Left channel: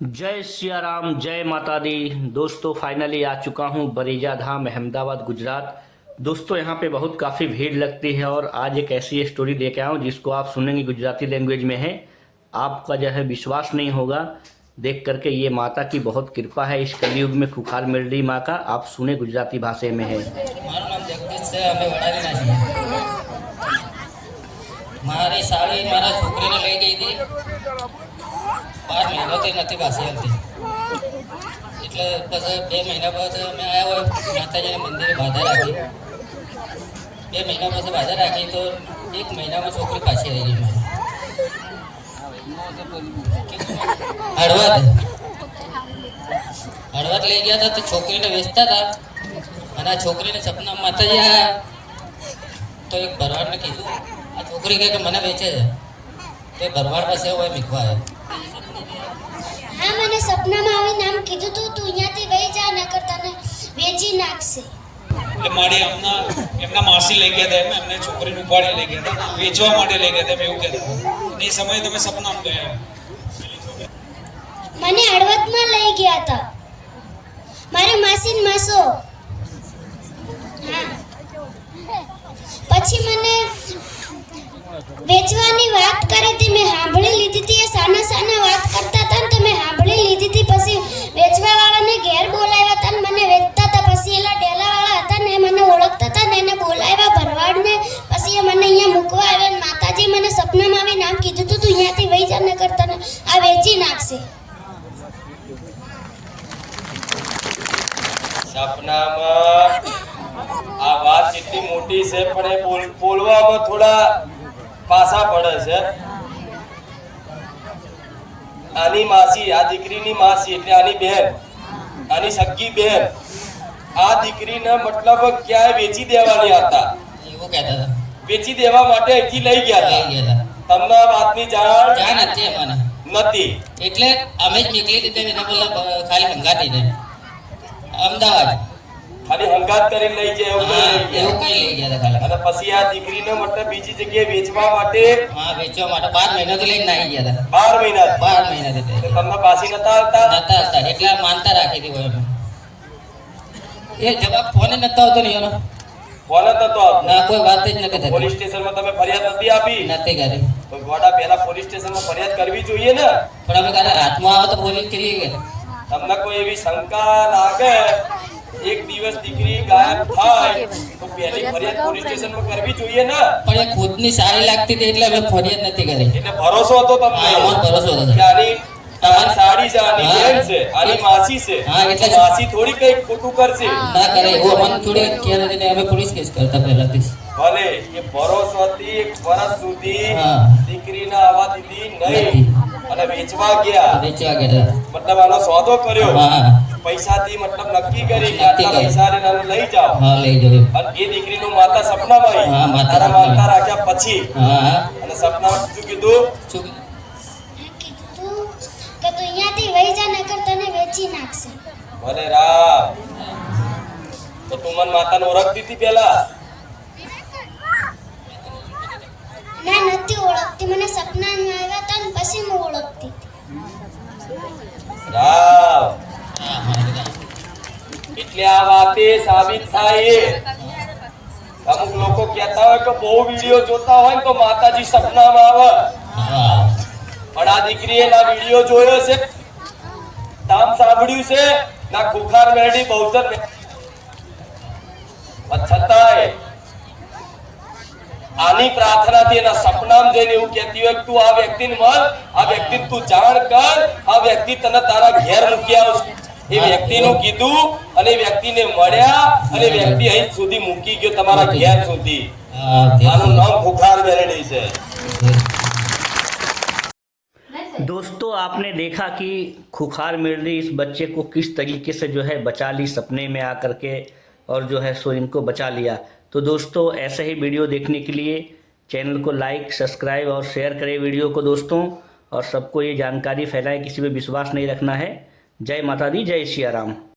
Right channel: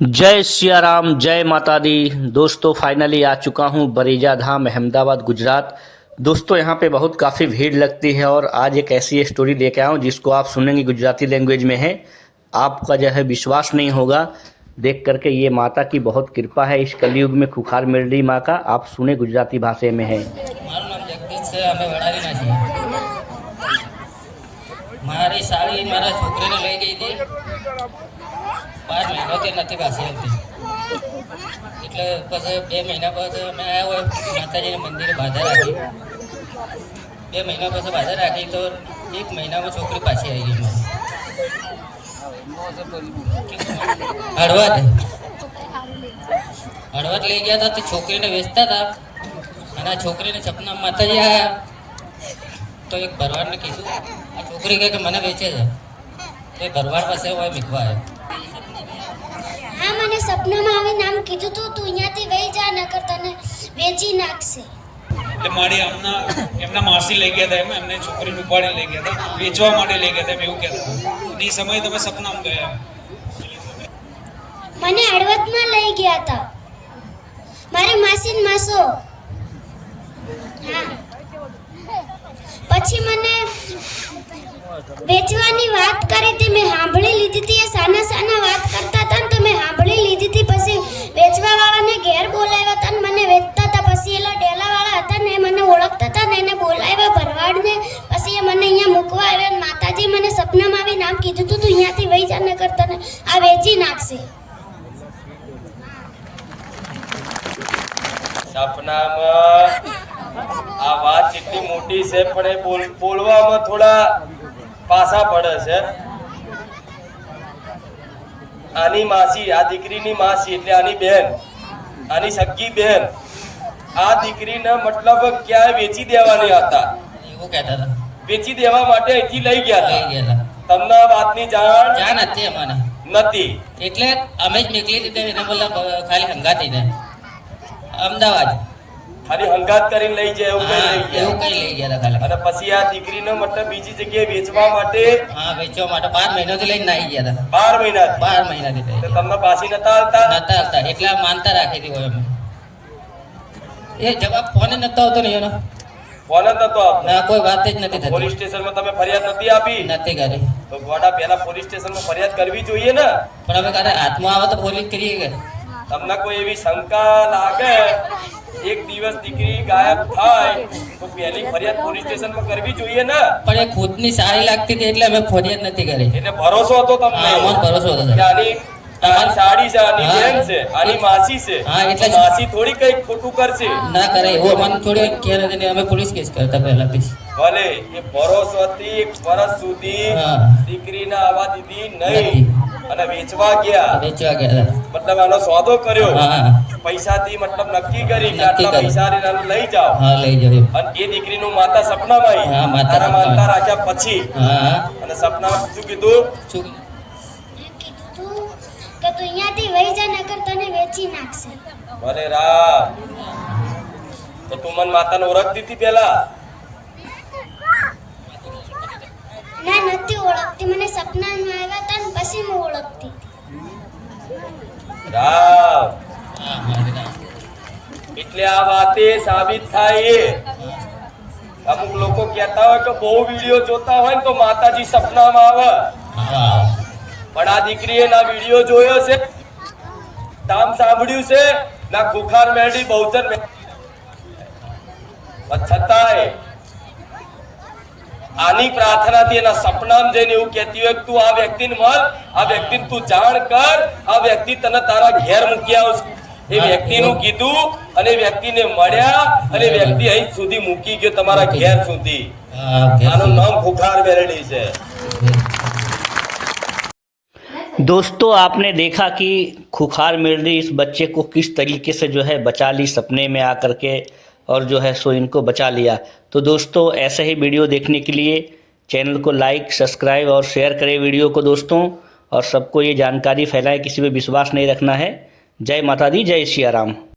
जय सिया राम, जय माता दी। दोस्तों फाइनली आ चुका हूँ बरीजा धाम, अहमदाबाद, गुजरात। दोस्तों यहाँ पे बहुत काफ़ी भीड़ लगती है और आज एक ऐसी स्टोरी लेके आया हूँ जिसको आप सुनेंगे, गुजराती लैंग्वेज में है। आपका जो है विश्वास नहीं होगा देख करके। ये माता की बहुत कृपा है इस कलयुग में, खुखार मेरडी माँ का। आप सुने, गुजराती भाषा में है। મારું નામ જગદીશ છે. અમે વડાવીના છીએ. મારી સાડી મારા છોકરીને લઈ ગઈ હતી. 5 મહિનાથી નથી પાછી આવતી. એટલે પછી 2 મહિના પછી અમે આવ્યા હોય માતાજીના મંદિરે બાધા રાખી. 2 મહિના પછી બાધા રાખી તો 1 મહિનામાં છોકરી પાછી આવી ગઈ મારી. હળવદ લઈ ગયા હતા તો છોકરીને વેચતા હતા અને આ છોકરીને સપના માતાજી આવ્યા તો એક ભરવાડને કીધું, આ છોકરી કહે કે મને વેચે છે. તો એ ભરવાડ પાસે હોય મીખવા આવ્યો. હા, મને સપનામાં આવી નામ કીધું તું અહીંયાથી વહી જા, નકર તને વેચી નાખશે. એટલે મારે એમના માસી લઈ ગયા હતા, એમને છોકરીને ઉપાડી લઈ ગયા હતા, વેચવા માટે લઈ ગયા હતા, એમ એવું કહેતા. એ સમયે તમે સપનામાં ગયા? મને હળવદમાં લઈ ગયા હતા મારે માસી ને માસો. હા, પછી મને વેચવાની વાત કરી હતી, મેં સાંભળી લીધી હતી. એ સાના સાના વાત કરતા હતા ને તો મેં સાંભળી લીધી હતી. પછી વેચવા વાળાને ઘેર બોલાવ્યા હતા ને મને વેચતા હતા. પછી એલા ડેલા વાળા હતા ને એ મને ઓળખતા હતા ને એને બોલાવ્યા ભરવાડને. પછી એ મને અહીંયા મૂકવા આવ્યા. માતાજી મને સપનામાં આવી નામ કીધું તું અહીંયાથી વહી જા, નકર તને આ વેચી નાખશે. સપનામાં આ વાત કેટલી મોટી છે પણ એ બોલવામાં થોડા પાસા પડે છે. આની માસી, આ દીકરીની માસી એટલે આની બહેન, આની સગી બહેન આ દીકરીને મતલબ ક્યાંય વેચી દેવાની હતા. એવું કહેતા હતા. વેચી દેવા માટે અહીંથી લઈ ગયા લઈ હતા. ગયા હતા. તમને આ વાતની જાણ નથી અમારે. નથી. એટલે અમે જ નીકળી દીધે એને બોલા ખાલી હંગાતીને અમદાવાદ ખાલી હંગાત કરીને લઈ જાય એવું કઈ લઈ એવું ગયા. કઈ લઈ ગયા હતા ખાલી. અને પછી આ દીકરીને મતલબ બીજી જગ્યાએ વેચવા માટે હા, વેચવા માટે 12 મહિનાથી લઈને આવી ગયા હતા. 12 મહિના 12 મહિનાથી તો તમને પાછી નતા આવતા? નતા આવતા એટલે માનતા રાખી હતી હોય અમે. એ જવાબ ફોન નતો આવતો ને એનો. ફોન જ નતો આવતો. ના, કોઈ વાત જ નથી થતી. પોલીસ સ્ટેશનમાં તમે ફરિયાદ નથી આપી? નથી કરી. તો ગોડા પહેલા પોલીસ સ્ટેશનમાં ફરિયાદ કરવી જોઈએ ને. પણ હવે ક્યારે હાથમાં આવે તો પોલીસ કરીએ કે તમને કોઈ એવી શંકા લાગે એક દિવસ દીકરી ગાયબ થાય તો પહેલી ફરિયાદ પોલીસ સ્ટેશનમાં કરવી જોઈએ ને. પણ એ ખુદની સારી લાગતી હતી એટલે અમે ફરિયાદ નથી કરી. એટલે ભરોસો હતો હા, તમને અમને ભરોસો હતો. કે આની તમારી સાડી છે, આની હા. બેન છે, આની માસી છે. હા, એટલે જ. માસી થોડી કઈ ખોટું કરશે. ના કરે એવું અમને થોડી ખ્યાલ હતી ને અમે પોલીસ કેસ કરતા પહેલાથી જ. ભલે એ ભરોસોથી 1 વર્ષ સુધી હા. દીકરીને આવવા દીધી નથી. નહીં અને વેચવા ગયા. વેચવા ગયા હતા. મતલબ આનો સોદો કર્યો. હા, પૈસાથી મતલબ નક્કી કરી કે નક્કી આટલા કરી. પૈસા લઈને આને લઈ જાઓ. હા, લઈ જજો. અને એ દીકરીનું માતા સપનામાં હા, આવી. માતા તારા સપનામાં. માનતા રાખ્યા પછી હા, અને સપનામાં શું કીધું? શું મેં કીધું તું કે તું અહીંયાથી વહી જા, નકર તને વેચી નાખશે. ભલે રામ. તો તું મન માતાને ઓળખતી હતી પેલા? ના, નથી ઓળખતી. મને સપનામાં આવ્યા હતા ને પછી હું ઓળખતી હતી. રામ. હા, હા. એટલે આ વાતે સાબિત થાય એ. અમુક લોકો કહેતા હોય કે બહુ વિડીયો જોતા હોય ને તો માતાજી સપનામાં આવે. હા. પણ આ દીકરીએ ના વિડીયો જોયો છે, નામ સાંભળ્યું છે, ના ખુખાર મેરડી બહુચર છતાંય આની પ્રાર્થનાથી એના સપનામાં જઈને એવું કહેતી હોય કે તું આ વ્યક્તિને મળ, આ વ્યક્તિને તું જાણ કર, આ વ્યક્તિ તને તારા ઘેર મૂકી આવશે. એ વ્યક્તિનું કીધું અને એ વ્યક્તિને મળ્યા અને એ વ્યક્તિ અહીં સુધી મૂકી ગયો, તમારા ઘેર સુધી. હા, આનું નામ ખુખાર મેરડી છે. दोस्तों आपने देखा कि खुखार मेरडी इस बच्चे को किस तरीके से जो है बचा ली, सपने में आकर के, और जो है सो इनको बचा लिया। तो दोस्तों ऐसे ही वीडियो देखने के लिए चैनल को लाइक, सब्सक्राइब और शेयर करें वीडियो को दोस्तों, और सबको ये जानकारी फैलाएं, किसी पे विश्वास नहीं रखना है। जय माता दी, जय सिया राम।